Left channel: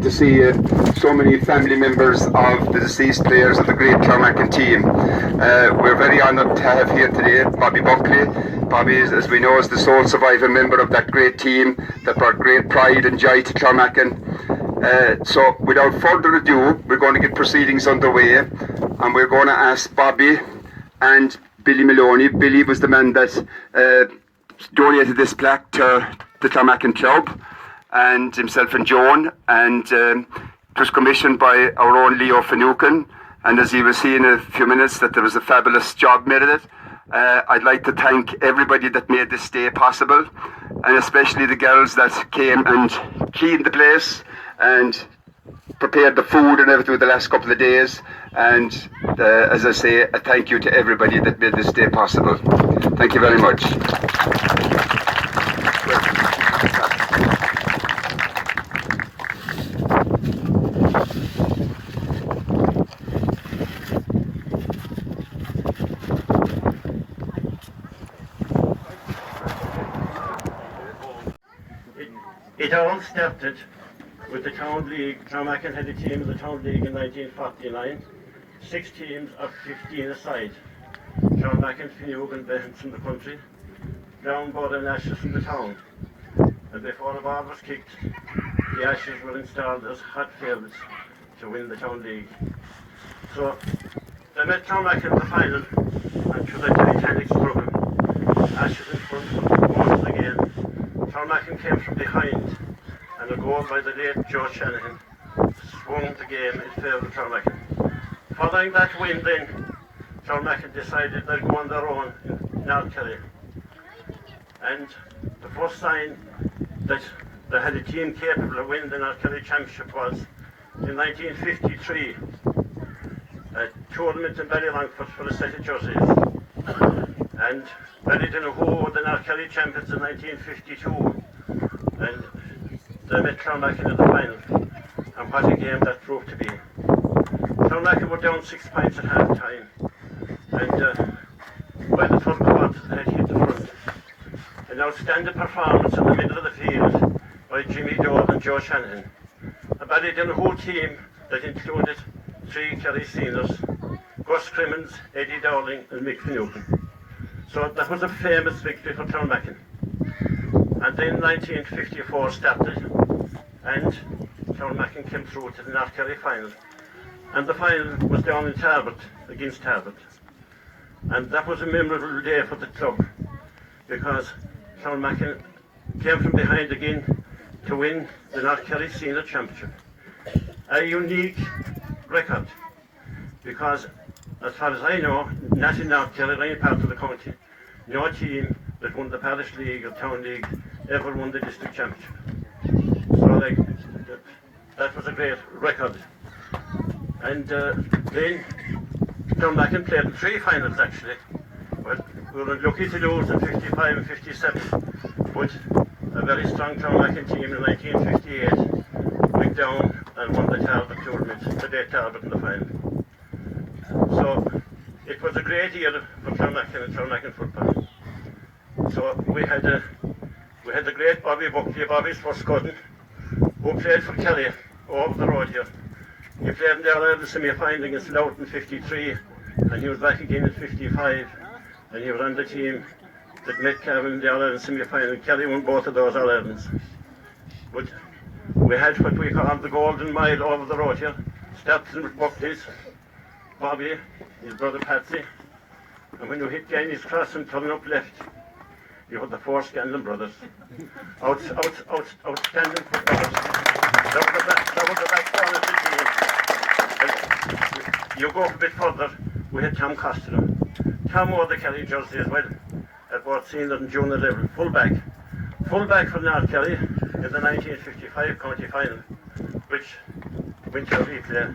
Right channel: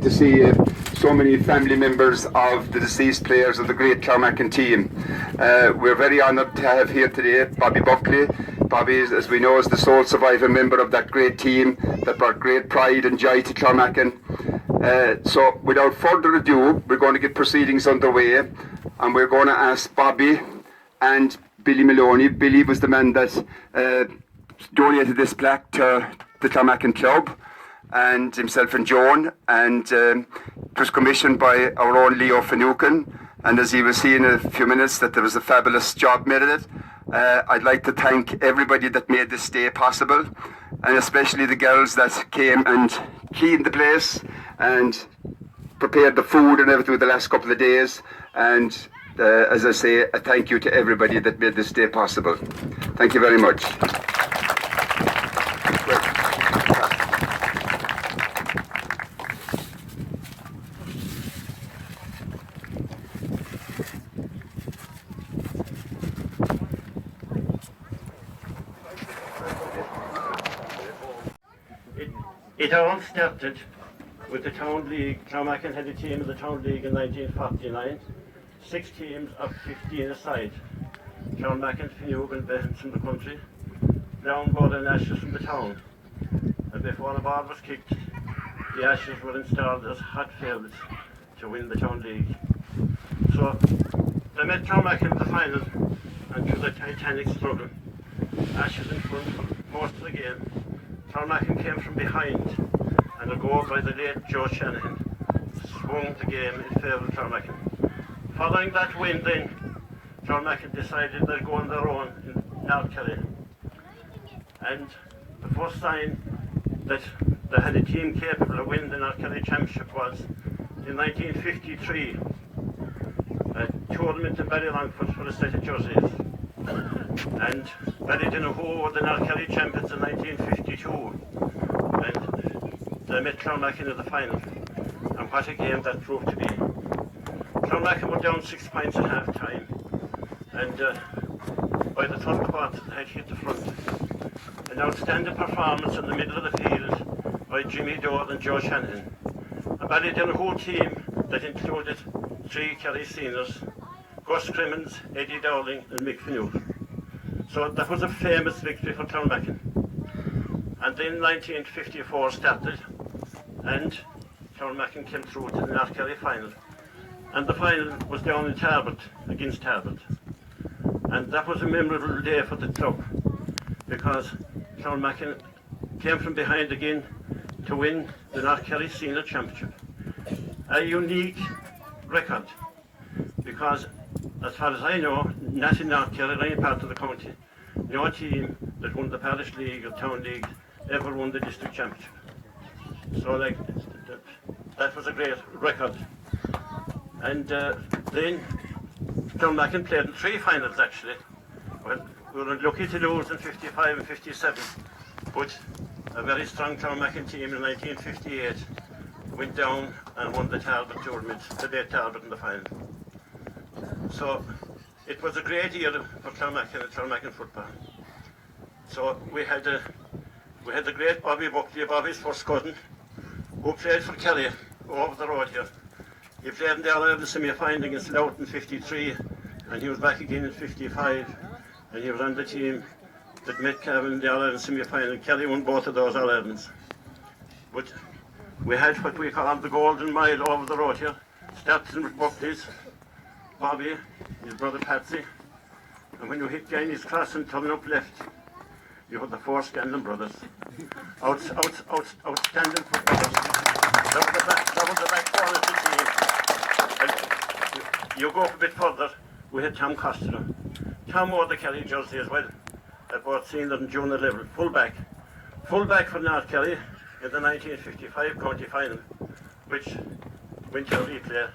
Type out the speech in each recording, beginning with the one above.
To see so many family members of the deceased players of the great Clounmacon team. We're very honoured to have here today Bobby Buckley. Bobby, as we know, is the sole surviving member of that great team that brought great pride and joy to Clounmacon. So without further ado, we're going to get proceedings underway, and we're going to ask Bobby and Billy Maloney. Billy was the man that donated this plaque to the Clounmacon Club, and himself and Joan, and it was commissioned by our own Leo Finucane, and as you will see in a few minutes that there was a fabulous job made of it. I'd like to thank everybody that made this day possible, and especially the girls that came and cleaned the place and prepared the food and everything the last couple of days, and as I say, a thank you to everybody that made this day possible. Thank you very much. It all started with the Town League. Clounmacon had a team of the Town League in 1949, 6 teams of 15 aside. Clounmacon, Finucane, Behens from the country, Brown, Board and Ashes from the town. And before the ball was kicked, the Ashes were installed as hot favourites to win the Town League. So they met Clounmacon in the final, and through the titanic struggle, Ashes in front for most of the game. Clounmacon came from behind, and a goal by the late Joe Shanahan swung the game in favour of Clounmacon. Following that win then, Clounmacon decided they'd go on their own in North Kerry. And the first sign that they had a team capable of winning the North Kerry Championship was in 1953, a tournament in Ballylongford for a set of jerseys. And Ballyduff were the North Kerry Champions in 1952, and they met Clounmacon in the final, and what a game that proved to be. Clounmacon were down 6 points at half time, and by the third quarter they had hit the front. An outstanding performance in the middle of the field by Jimmy Doe and Joe Shanahan. A Ballyduff team that included 3 Kerry seniors, Gus Crimmins, Eddie Dowling and Mick Finucane. So that was a famous victory for Clounmacon. And then 1954 started, and Clounmacon came through to the North Kerry final. And the final was down in Tarbert, against Tarbert. And that was a memorable day for the club, because Clounmacon came from behind again to win the North Kerry Senior Championship. A unique record, because as far as I know, not in North Kerry, or any part of the county, no team that won the Parish League or Town League ever won the district championship. So that was a great record. And then Clounmacon played in 3 finals actually. Well, we were lucky to lose in 55 and 57, but a very strong Clounmacon team in 1958 went down and won the Tarbert tournament, the day Tarbert in the final. So it was a great year for Clounmacon and Clounmacon football. So we had the great Bobby Buckley, Bobby's first cousin, who played for Kerry over the road here. He played in the All-Ireland semi-final against Louth in 53, and he was back again in 55, and he was on the team that met Cavan in the All-Ireland semi-final. Kerry won both of those All-Irelands. But we had what we call the Golden Mile over the road here, starting with Buckley's, Bobby, his brother Patsy, and when you hit Gainey's cross and turn up left, you had the 4 Scanlon brothers. Outstanding footballers. That was the backbone of the team. And you go a bit further, we had Tom Costello. Tom wore the Kerry jersey as well, at both senior and junior level, full-back. Full-back for North Kerry in the 1955 county final, which went to a replay,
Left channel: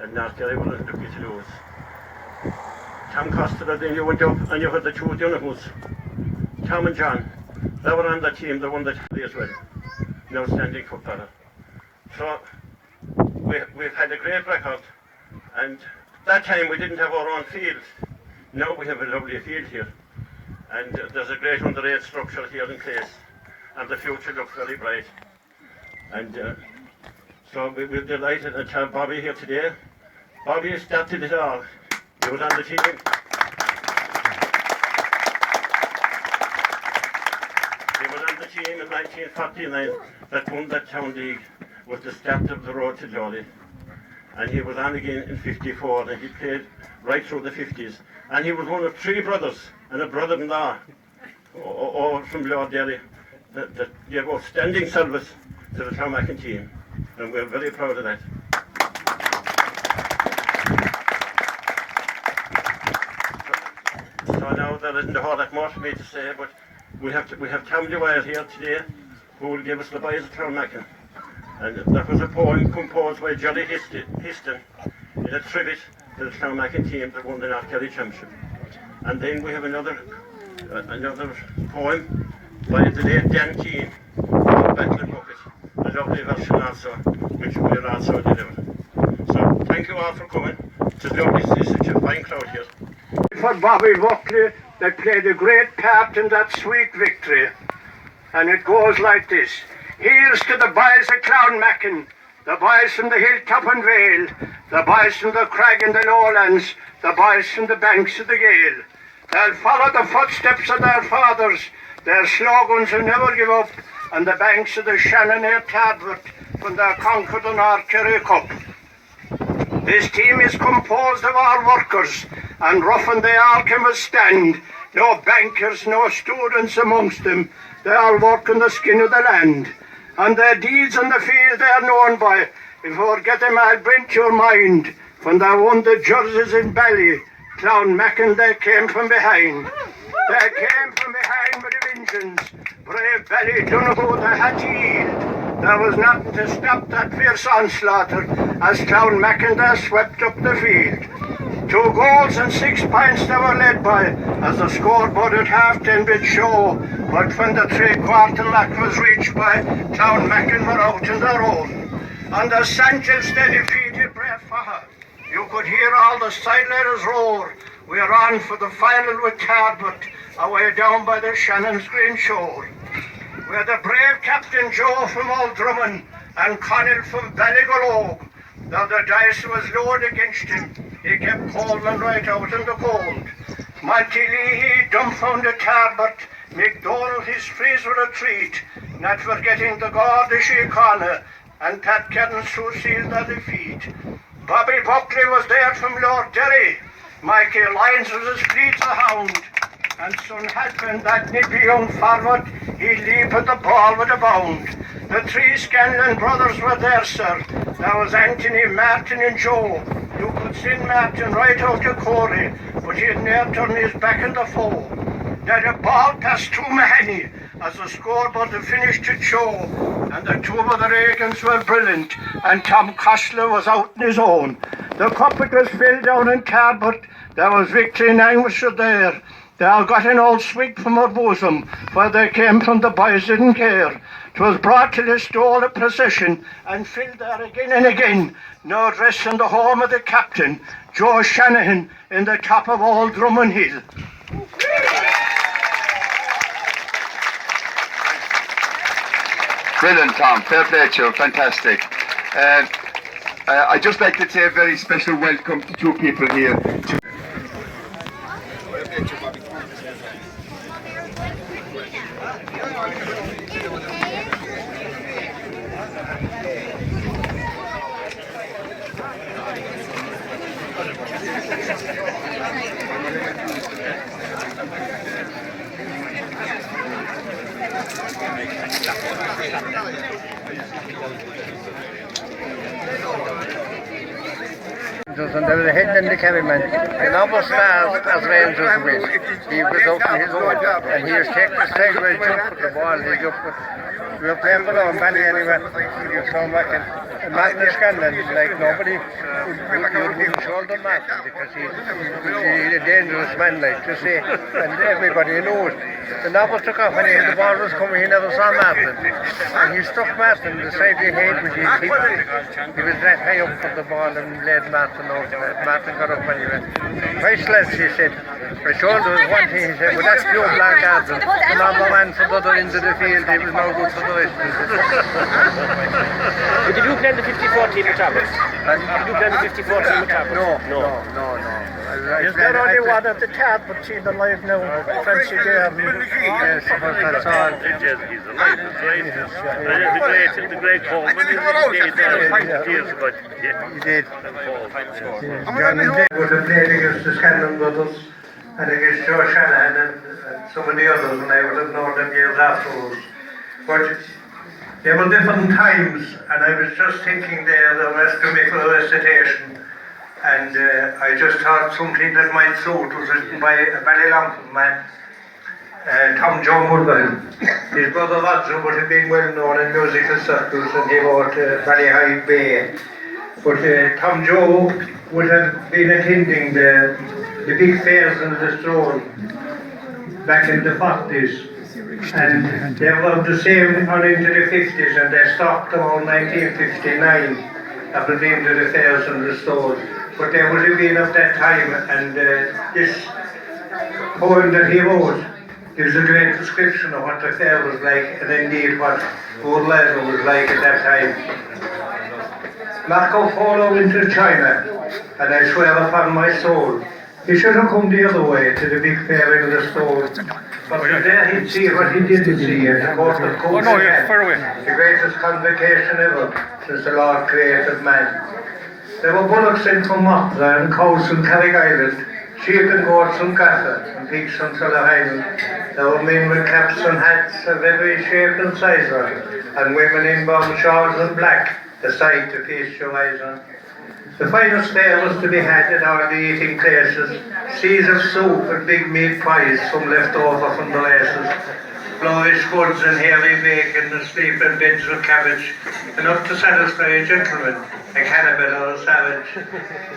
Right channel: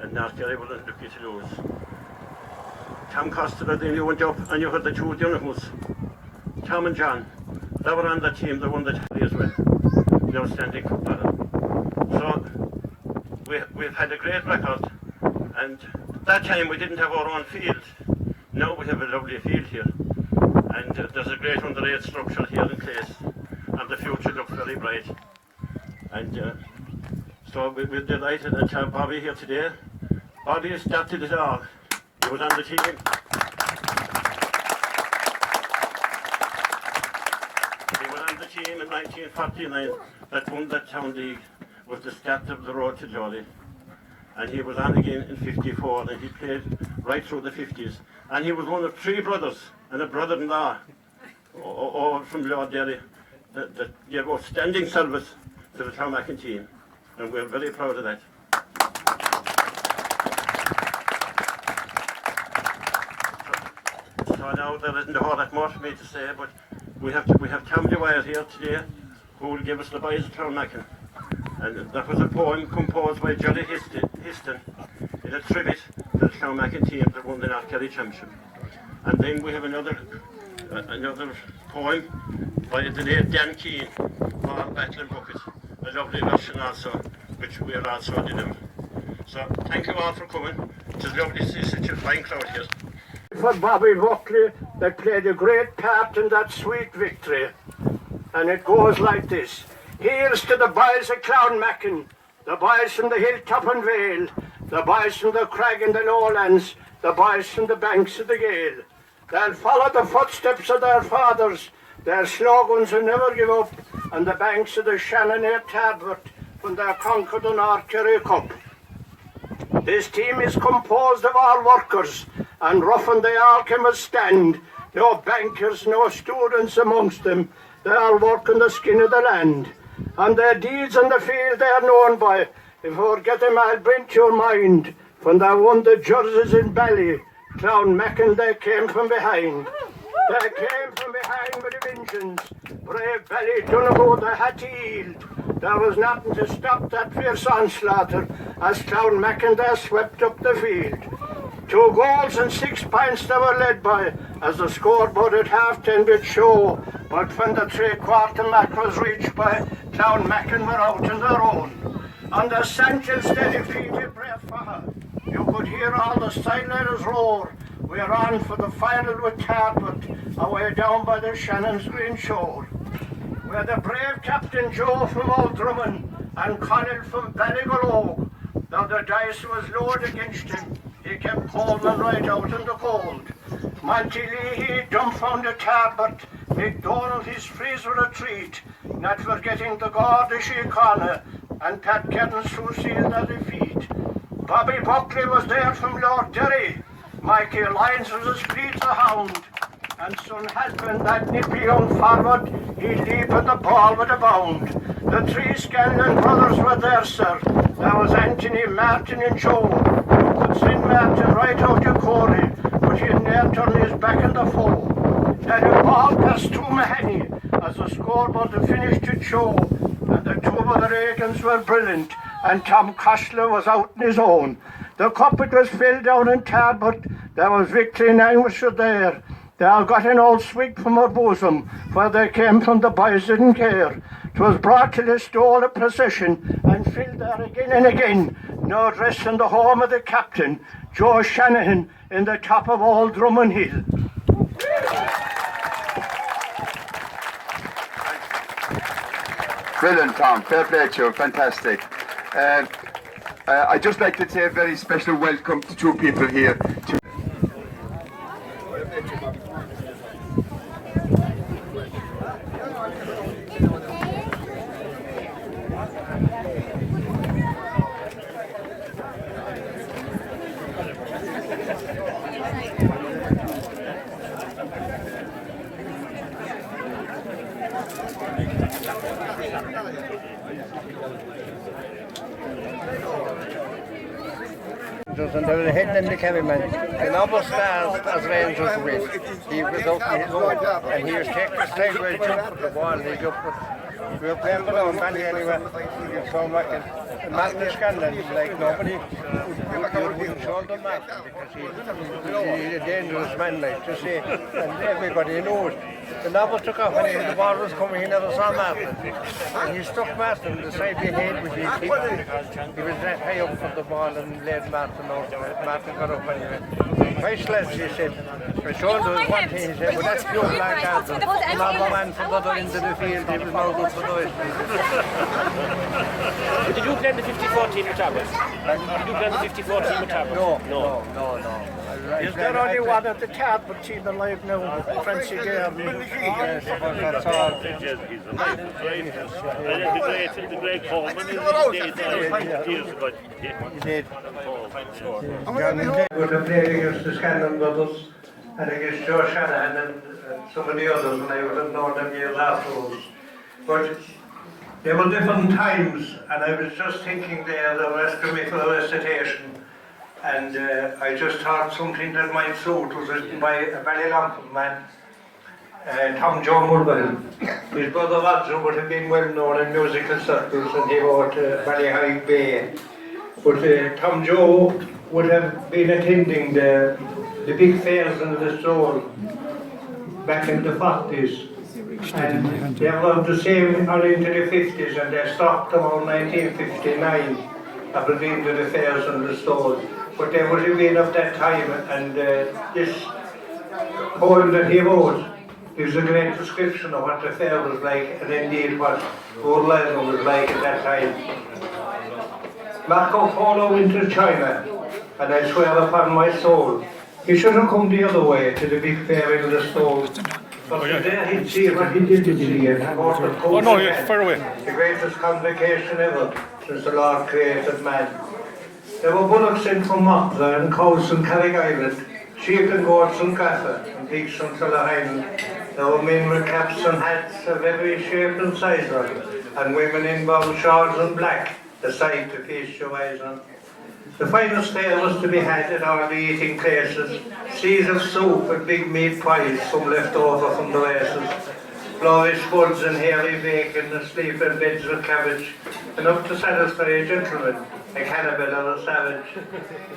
and North Kerry were lucky to lose. Tom Costello, then you went up and you had the 2 Dunahus, Tom and John. They were on the team that won the tally as well, the outstanding footballer. So we've had a great record, and that time we didn't have our own field. Now we have a lovely field here, and there's a great under-8 structure here in place, and the future looks very bright. And So we're delighted to have Bobby here today. Bobby started it all. He was on the team. He was on the team in 1949 that won that town league with the start of the road to glory. And he was on again in 54 and he played right through the 50s. And he was one of 3 brothers and a brother-in-law all from Lord Derry that gave outstanding service to the Clounmacon team. And we're very proud of that. So now there isn't a whole lot more for me to say, but we have Tom Dwyer here today who will give us the boys of Clounmacon. And that was a poem composed by Jolly Histon in a tribute to the Clounmacon team that won the North Kerry Championship. And then we have another poem by the late Dan Keane about Backlund Bucket, a lovely version also, which we're also delivering. So thank you all for coming. It's lovely to see such a fine crowd here. For Bobby Buckley, that played a great part in that sweet victory. And it goes like this. Here's to the boys of Clounmacon, the boys from the hilltop and vale, the boys from the crag and the lowlands, the boys from the banks of the Gale. They'll follow the footsteps of their fathers, their slogans will never give up, on the banks of the Shannon near Tarbert when they conquered the North Kerry Cup. This team is composed of all workers, and rough and they all can withstand. No bankers, no students amongst them, they all work on the skin of the land. And their deeds on the field they are known by. If you forget them, I'll bring to your mind when they won the jerseys in Bally, Clounmacon, they came from behind. They came from behind with a vengeance. Brave Ballyduff, they had to yield. There was nothing to stop that fierce onslaught as Clounmacon they swept up the field. 2 goals and 6 points they were led by, as the scoreboard at half-time did show. But when the 3/4 mark was reached by, Clounmacon were out on their own. And the Sanchez they defeated Brave Faha. You could hear all the sideliners roar. We're on for the final with Tarbert, away down by the Shannon's green shore. We had the brave Captain Joe from Old Drummond and Connell from Ballygalogue. Though the dice was lowered against him, he kept Coleman right out in the cold. Monty Leahy dumbfounded Tarbert, McDonald his freeze were a treat, not forgetting the Gardish Connor and Pat Keddens who sealed their defeat. Bobby Buckley was there from Lord Derry, Mikey Lyons was as fleet as a hound, and son Hadman, that nippy young forward, he'd leap at the ball with a bound. The 3 Scanlon brothers were there, sir. There was Anthony, Martin and Joe. You could send Martin right out of Corey, but he'd ne'er turn his back on the foe. They had a ball past to Mahoney as the scoreboard finished to show, and the 2 of the Reagans were brilliant, and Tom Costler was out on his own. The cup it was filled down in Tarbert, there was victory in Anguish there. They all got an old swig from her bosom, where they came from the boys didn't care. 'Twas brought to Listowel a procession, and filled there again and again. No dress in the home of the captain, Joe Shanahan, in the top of Old Drummond Hill. Brilliant, Tom. Fair play to you. Fantastic. I'd just like to say a very special welcome to 2 people here. And they were heading in the cabin, and almost as Rangers went. He was out on his own, and he was taking the sideways jump for the ball. He jumped, we were playing below on Bally anyway. He was coming back, and Thady Scanlon, like nobody would shoulder Martin because he's a dangerous man, like to say, and everybody knows. The novel took off and the ball was coming, he never saw Martin. And he stuck Martin beside the head with his hip. He was that high up for the ball and led Martin out. Martin got up anyway. Vice lads, he said, The shoulder was one thing, he said, but that's pure black garden. The number man from the other end of the field, he was no good for the rest. But did you play in the 54 team at Tarbert? Did you play in the 54 team at Tarbert? No. Is there only one at the Tarbert team alive now? Francie Derby. Yes, that's all. He's alive, the great Coleman is years ago. He did. Would have played against the Scanlon brothers and against Joe Shanahan and some of the others, and I would have known them years afterwards. But they were different times, and I was just thinking there, the rhetorical recitation, and I just thought something that might suit was written by a Ballyduff man, Tom Joe Mulville. His brother Roger would have been well known in musical circles, and he wrote Ballyhide Bay. But Tom Joe would have been attending the big fairs in Listowel back in the 40s, and they were the same on into the 50s, and they stopped around 1959 at the end of the fairs in Listowel. But they would have been of that time, and this poem that he wrote gives a great description of what the fair was like, and indeed what old Glasgow was like at that time. Marco Polo went to China, and I swear upon my soul, he should have come the other way to the big fair in Listowel. But there he'd see what he didn't see, and the court of course the greatest convocation ever since the Lord created man. There were bullocks in from Mothra and cows from Carrick Island, sheep and goats from Gaffer, and pigs from Sulla Highland. There were men with caps and hats of every shape and size on, and women in brown shawls and black, the sight to feast your eyes on. The finest fare was to be had in all the eating places, seas of soup and big meat pies, some left over from the races, flourish spuds and hairy bacon and sleeping beds of cabbage, enough to satisfy a gentleman, a cannibal or a savage.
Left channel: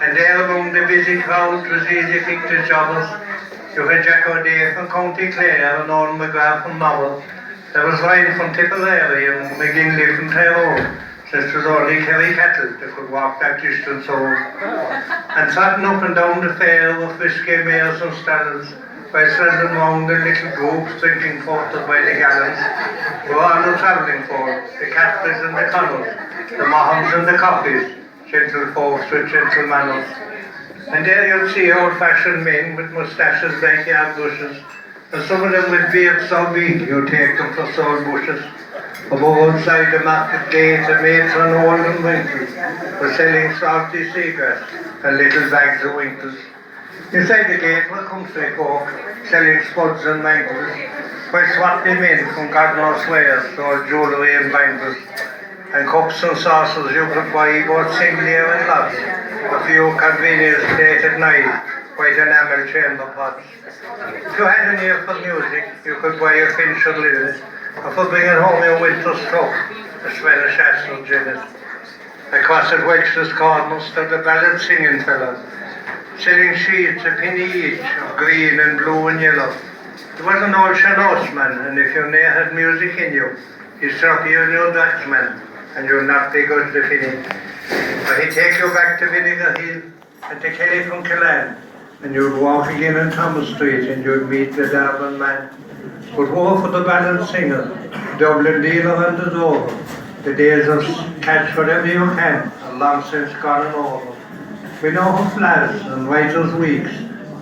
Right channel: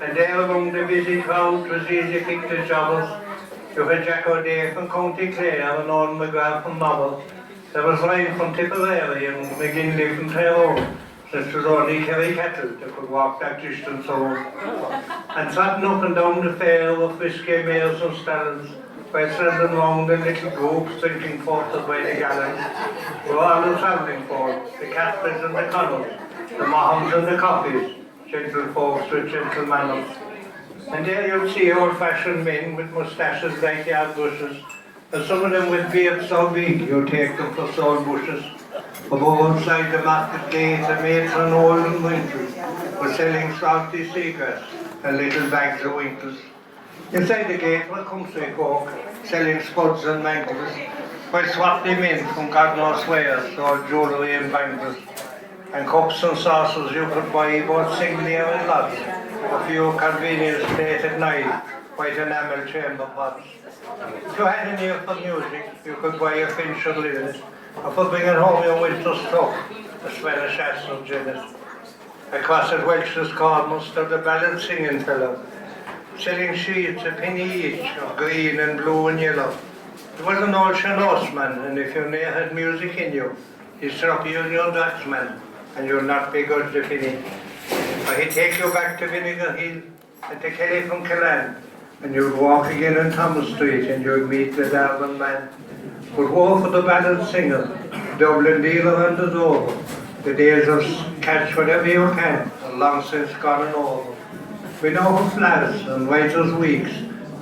And there among the busy crowd was easy picked the jobbers. You had Jack O'Day from County Clare and Owen McGrath from Novel. There was Ryan from Tipperary and McGinley from Tyrone. It was only Kerry cattle that could walk that distance home. And trotting up and down the fair were frisky mares and stallions, while standing round in little groups drinking porter by the gallons, were all the travelling folk, the Catholics and the Connells, the Mahons and the Coffees, gentle folks with gentle manners. And there you'd see old-fashioned men with moustaches like yard bushes, and some of them with beards so big you'd take them for soul bushes. From outside the market gate, the maids on old and winters were selling salty seagrass and little bags of winters. Inside the gate were country folk selling spuds and mangles, while swarthy men from God knows where sold jewellery and bangles. And cups and saucers you could buy both singly and lots, a few convenience plated knives, white enamel chamber pots. If you had an ear for music, you could buy a Finch or Linnet, or for bringing home your winter stock, a Spanish ass or Guinness. Across at Welch's corner stood the ballad singing fellow, selling sheets a penny each of green and blue and yellow. He was an old Shannoseman, and if you ne'er had music in you, he'd strap you in your Dutchman, and you'd not be good to finish. But he'd take you back to Vinegar Hill and to Kelly from Killan, and you'd walk again on Thomas Street and you'd meet the Darwin man. But woe for the ballad singer, Dublin dealer and the over. The days of catch whatever you can are long since gone and over. We know who flads and writers weeks,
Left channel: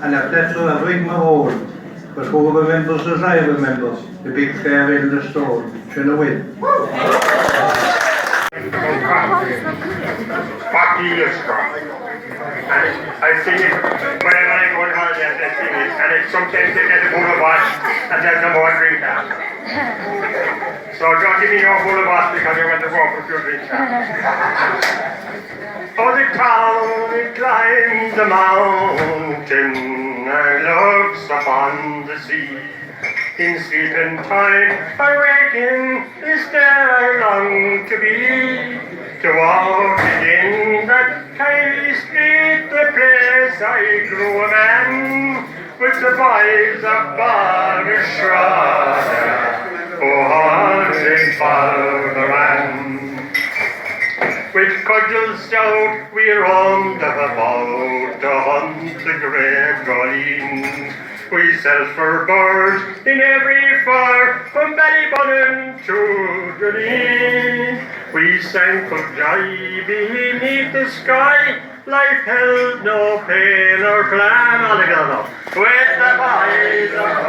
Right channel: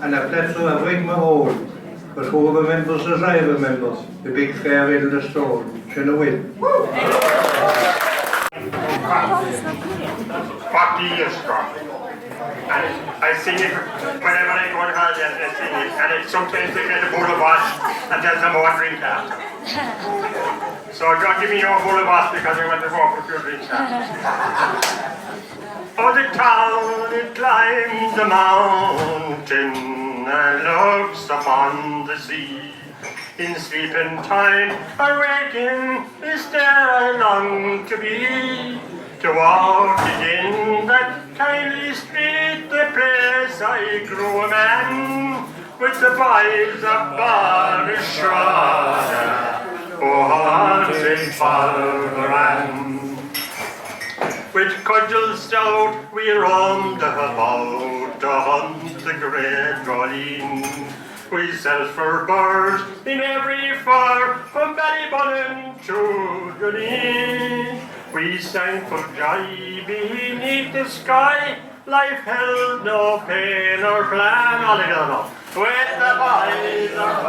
and if that's who I bring my own. But who remembers as I remember, the big fair in the store, shouldn't win. 40 years ago. And I sing it whenever I go to holidays, I sing it. And sometimes they get a bowl of wash and there's no more drink after. So don't give me your bowl of wash because I want to go for a few drinks after. Oh, the town, it climbs the mountain and looks upon the sea. In sleeping time, awaking, is there I long to be. To walk again that kindly street, the place I grew a man, with the boys of Ballyduff, oh, haunted Ballyduff. With cudgels stout we roamed about to hunt the great Green. We set for birds in every fire from Ballybunnon to Green. We sang for joy beneath the sky. Life held no pain or plan. All together now. With the boys of